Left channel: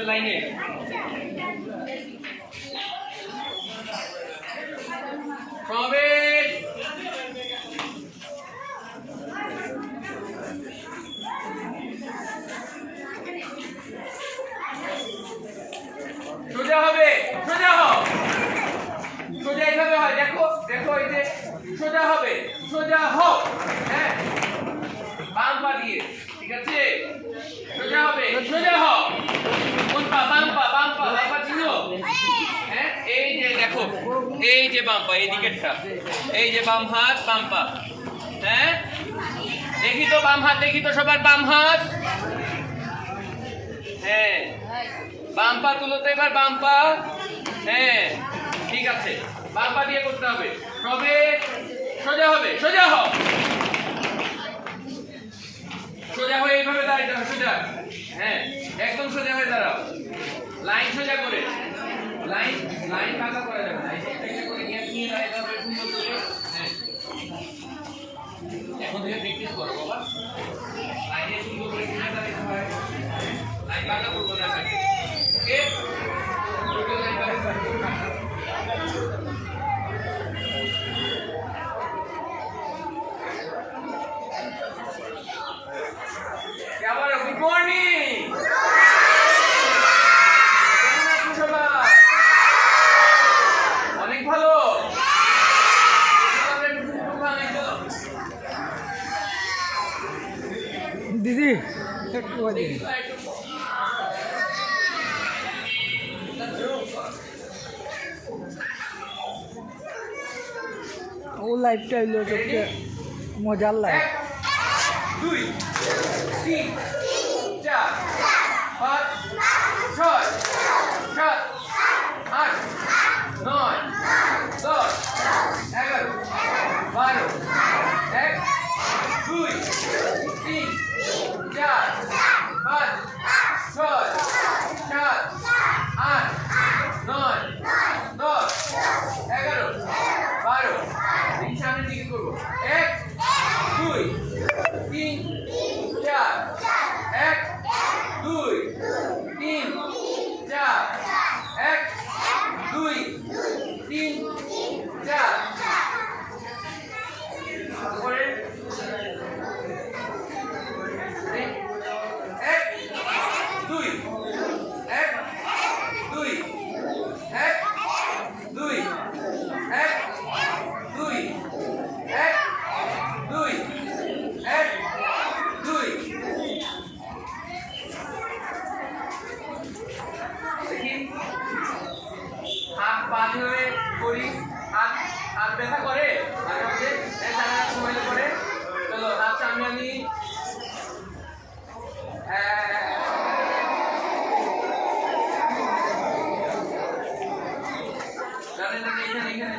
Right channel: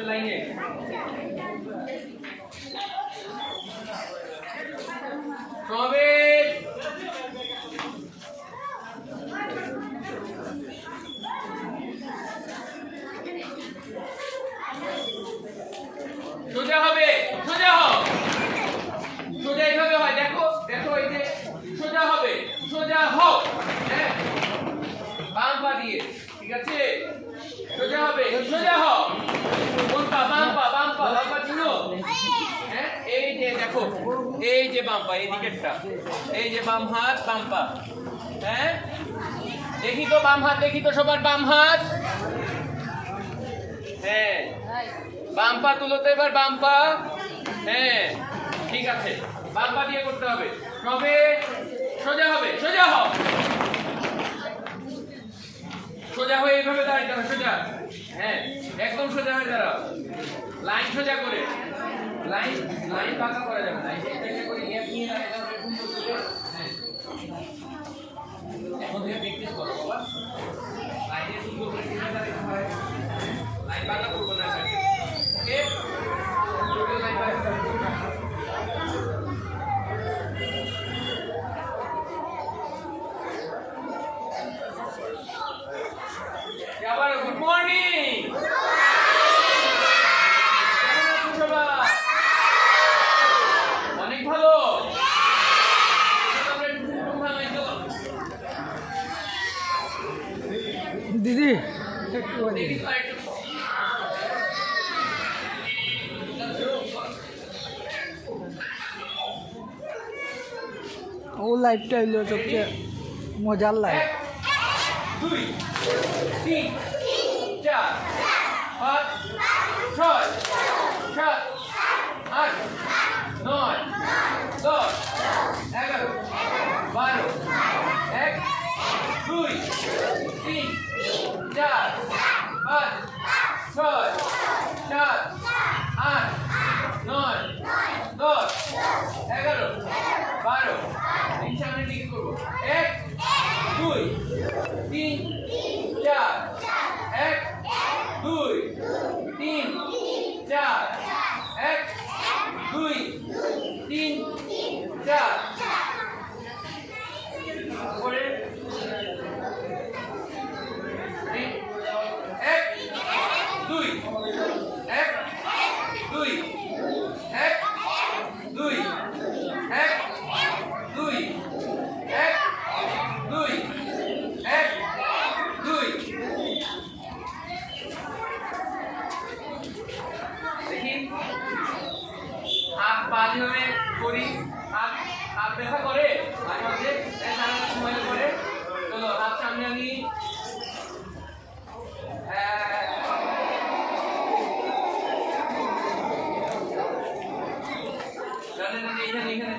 হবে লাইনে। সমাবেশ সোজা হবে, সোজা হও, সোজা এইভাবে হয়, দেখো দেখো এই যে সোজা হবে, সোজা হও, হ্যাঁ বাম পা দিয়ে, ঠিক আছে সোজা হবে, সোজা হও, কোন পা? বাম পা, বাম পা, বাম পা চিনো? হ্যাঁ এই যে দেখো, এই যে বাম পা, এই দিকেরটা, এই যে বাম হাত বাম পা, হ্যাঁ দেখি তো বাম হাত, দেখি তো সবার বাম হাত, হ্যাঁ বাম পা তুলো তো এবার, বাম পা, হ্যাঁ ঠিক আছে, বাম পা দিয়ে করতে হবে, তবে সোজা হবে, সোজা হও, সোজা হয়ে এইভাবে দাঁড়াইতে হবে, সোজা, হ্যাঁ একদম সোজা হয়ে দাঁড়াও, লাইন সোজা করে, লাইন লাইন পাকা করা যাবে না, এটা করে গ্যাপ নিয়ে দাঁড়াইতে হবে সুন্দর করে, হ্যাঁ এখন থেকে প্র্যাকটিস করো বাবা, লাইনে সুন্দর করে দাঁড়াইতে হয়, লাইন পাকা করবো না, ওকে আবার গুড মর্নিং, অনেক ভালো, দিদি ও লাইটটা হইলো সবচেয়ে মজার লাইট। 2 3 4 5 6 7 8 9 10 11 12 1 2 3 4 5 6 7 8 9 10 11 12 এই সামনে দিকে করবো, 1 2 3 4 1 2 3 4 1 2 3 4 পরে 1 2 1 2 1 2 1 2 1 2 1 2 দেখি হাত পা ধরে করি, হাত হাত ব্যথা করে মাঝে মাঝে, সময় করে, চলো হাত সামনে আনি, জানেন না এখানে এখানে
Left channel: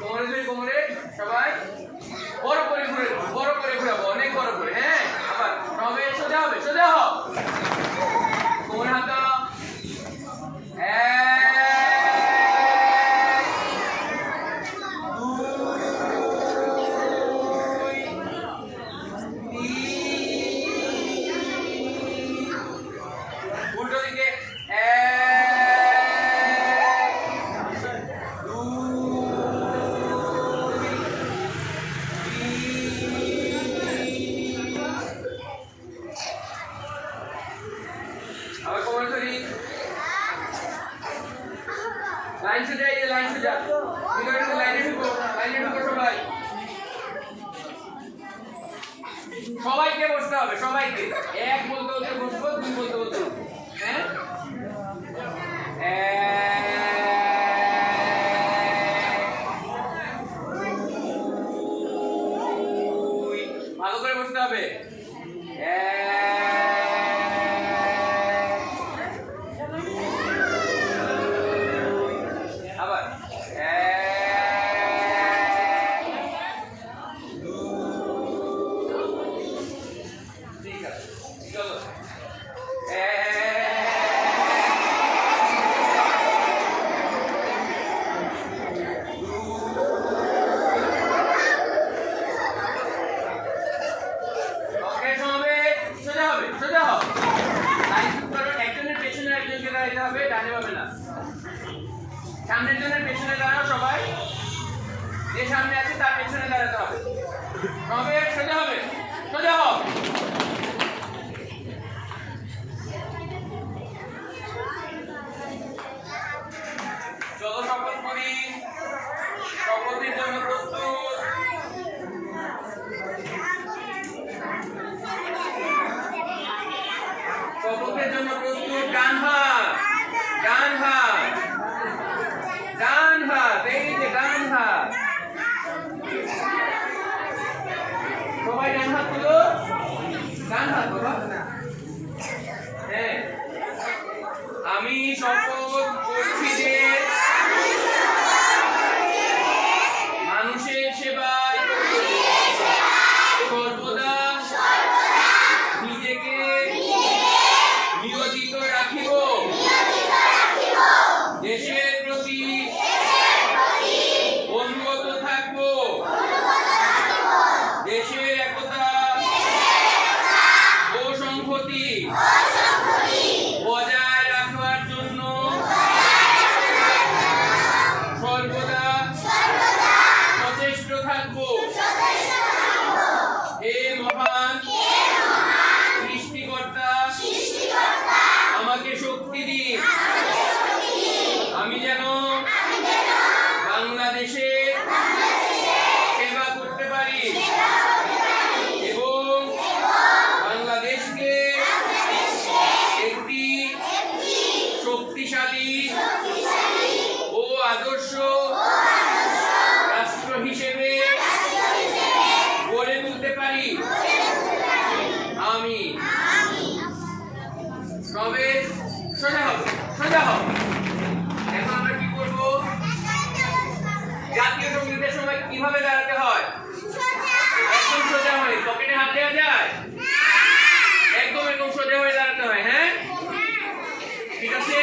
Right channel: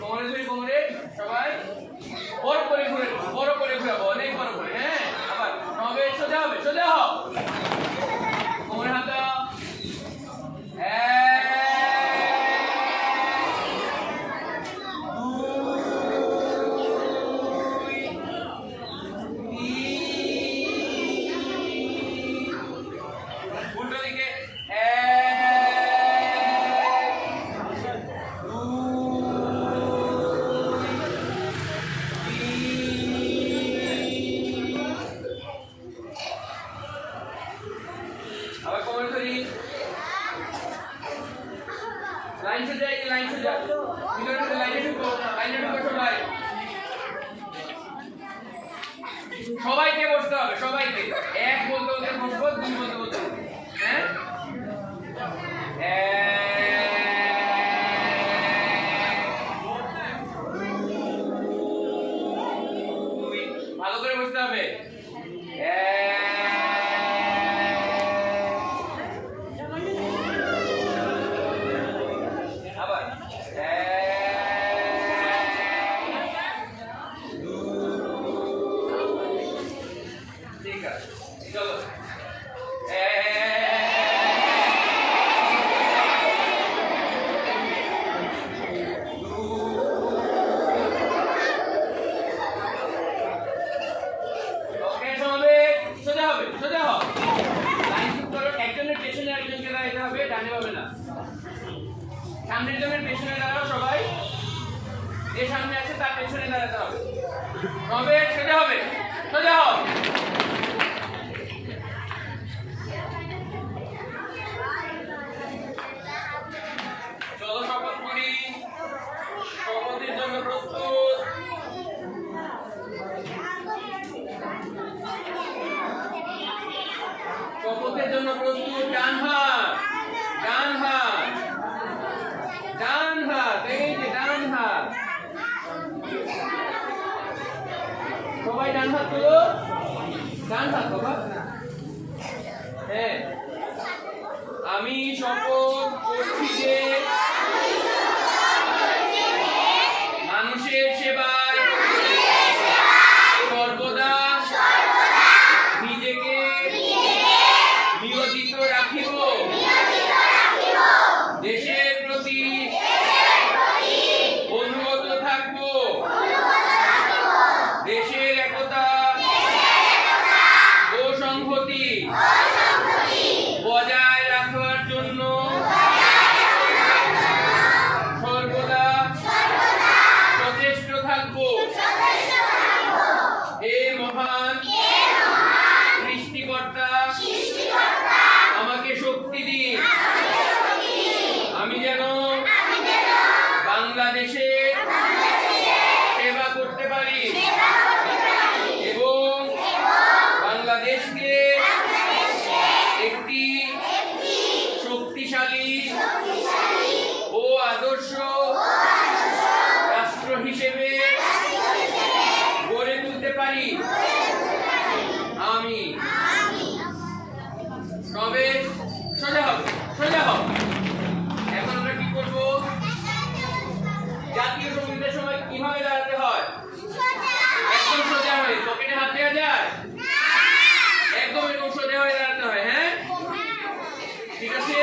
কোমরে ধরে, কোমরে সবাই বড় করে ঘুরে, বড় করে ঘুরাবো, অনেক বড় করে, হ্যাঁ আবার সবে সোজা হবে, সোজা হও, কোমরে হাত দাও, তার পেছনে দাঁড়াতে হবে। তবে সোজা হবে, সোজা হও। চলো শপথ করি। শপথের জন্য প্রস্তুত। শপথের জন্য প্রস্তুত। ডান হাত, ডান হাত, ডান হাত, এই যে ডান হাত। সবাই ডান হাত তোলো, ডান হাত তোলো। হ্যাঁ, আমি শপথ করছি যে মানুষের সেবায় সর্বদা নিজেকে নিয়োজিত রাখিব। দেশের প্রতি অনুগত থাকব। দেশের একতা ও সংহতি বজায় রাখবার জন্য সর্বদা সচেষ্ট থাকব। হে মহান সৃষ্টিকর্তা, আমাকে শক্তি দিন। আমি যেন বাংলাদেশে সেবা করতে পারি এবং বাংলাদেশকে একটি শক্তিশালী ও আদর্শ রাষ্ট্র হিসেবে গড়ে তুলতে পারি। আমি তবে সোজা হব, সোজা হব। এখন আমরা কি করব? জাতীয় সঙ্গীতের সময় কিভাবে দাঁড়াতে হয়? একদম সোজা হয়ে পকেটে হাত দেওয়া যায়? একদম এরকম সোজা হয়ে দাঁড়াতে হয়। হ্যাঁ, ঠিক আছে।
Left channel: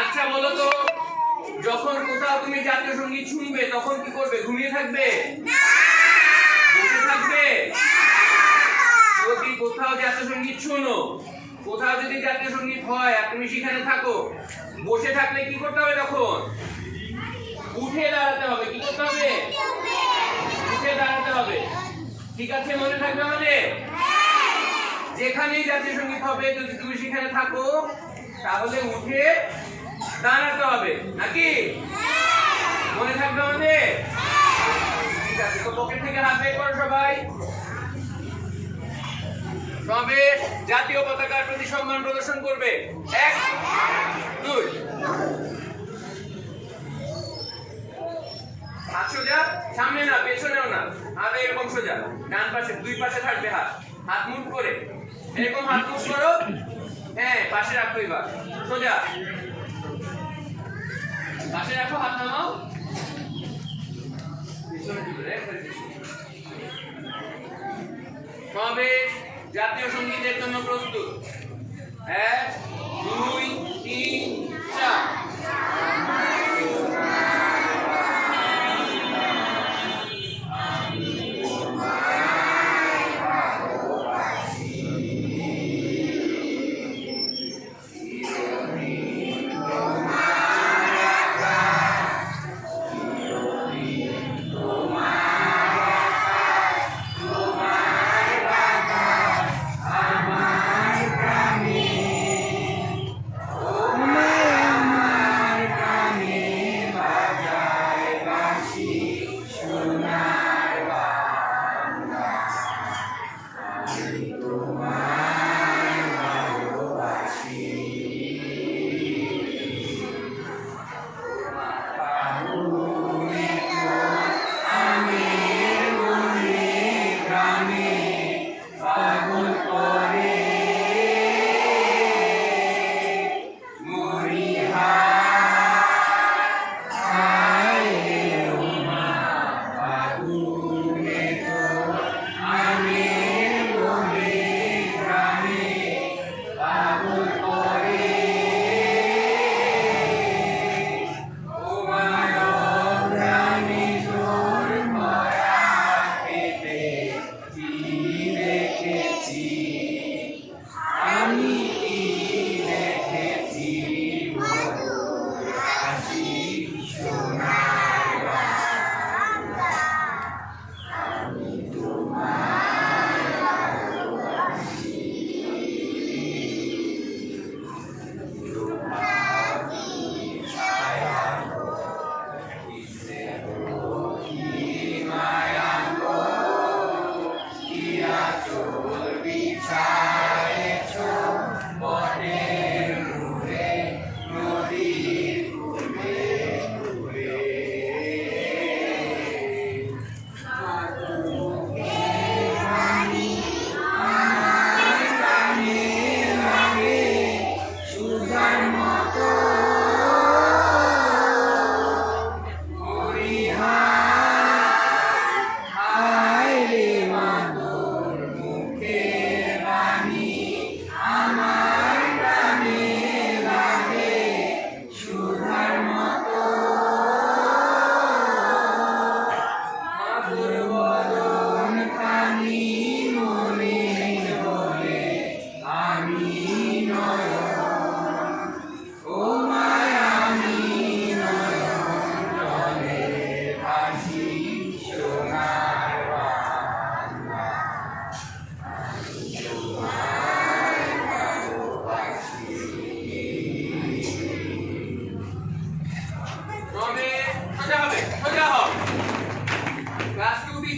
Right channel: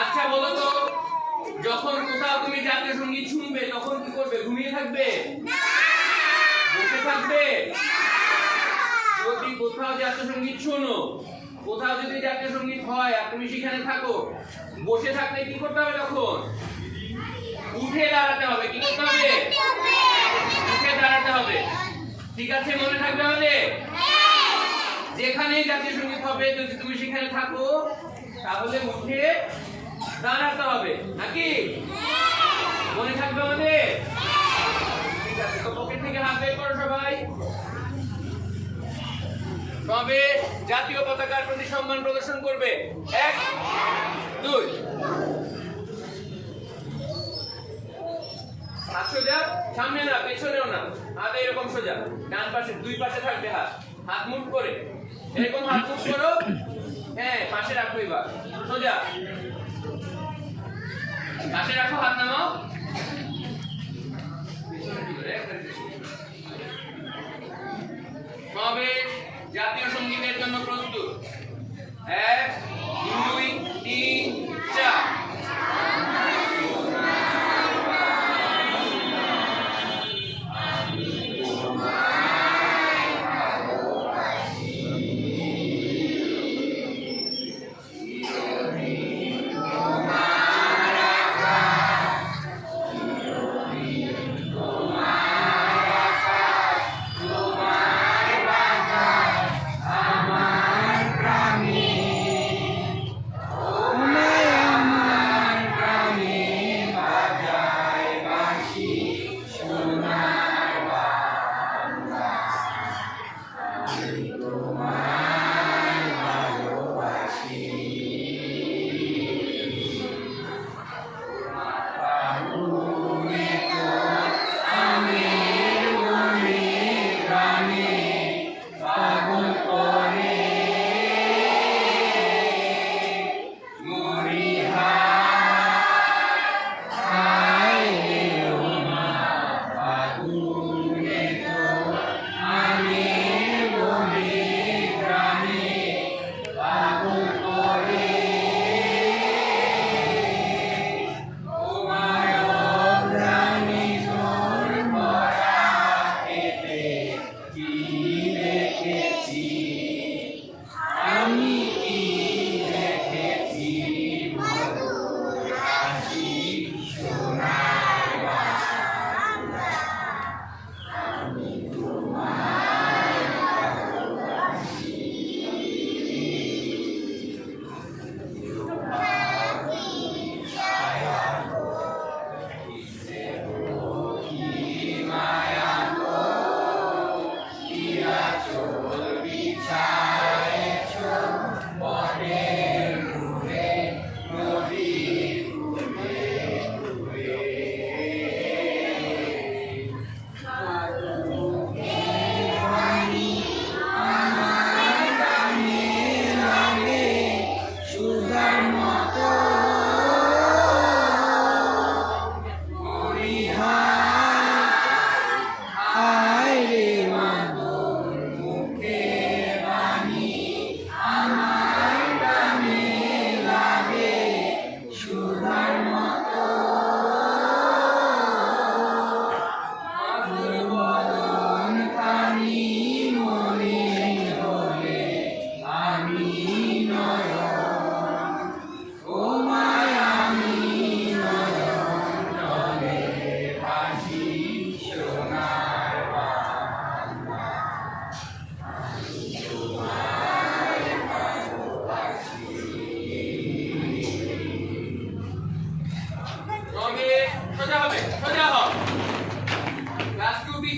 আচ্ছা বলো তো, যখন কোথাও তুমি জাতীয় সঙ্গীত শুনবে তখন কি করবে? ঘুমিয়ে থাকবে? বসে থাকবে? যদি কোথাও জাতীয় সঙ্গীত শোনো, কোথাও যদি জাতীয় সঙ্গীত হয় আর তুমি সেখানে থাকো, বসে থাকলে কি করতে হবে? তখন উঠে দাঁড়াতে হবে। কি করতে হবে? উঠে দাঁড়াতে হবে। ঠিক আছে, মনে থাকবে আমাদের? যেখানেই জাতীয় সঙ্গীত হবে যদি তুমি সেখানে থাকো তাহলে উঠে দাঁড়াতে হবে, নাকি? মনে থাকবে আমাদের? ঠিক আছে, তো পকেট থেকে হাত বের করো সবাই। তবে জাতীয় পতাকার প্রতি সম্মান প্রদর্শন করবে। 1 2 হাত সোজা, সামনে না পেছনেও না, হাত এরকম সোজা। ডান পাশে, দুই পাশে থাকবে হাত। হাত মুভ করে এরকম হাত মুভ করো। হ্যাঁ, পাশে রাখো। এবার সোজা পাশে রাখো, হাত নামাও। তবে জাতীয় সঙ্গীতের জন্য প্রস্তুত। 1 2 3 4।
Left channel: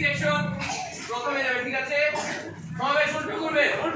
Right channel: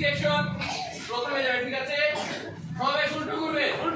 সেকশন প্রথমে যাবে, ঠিক আছে? সবাই উল্টো করবে, উল্টো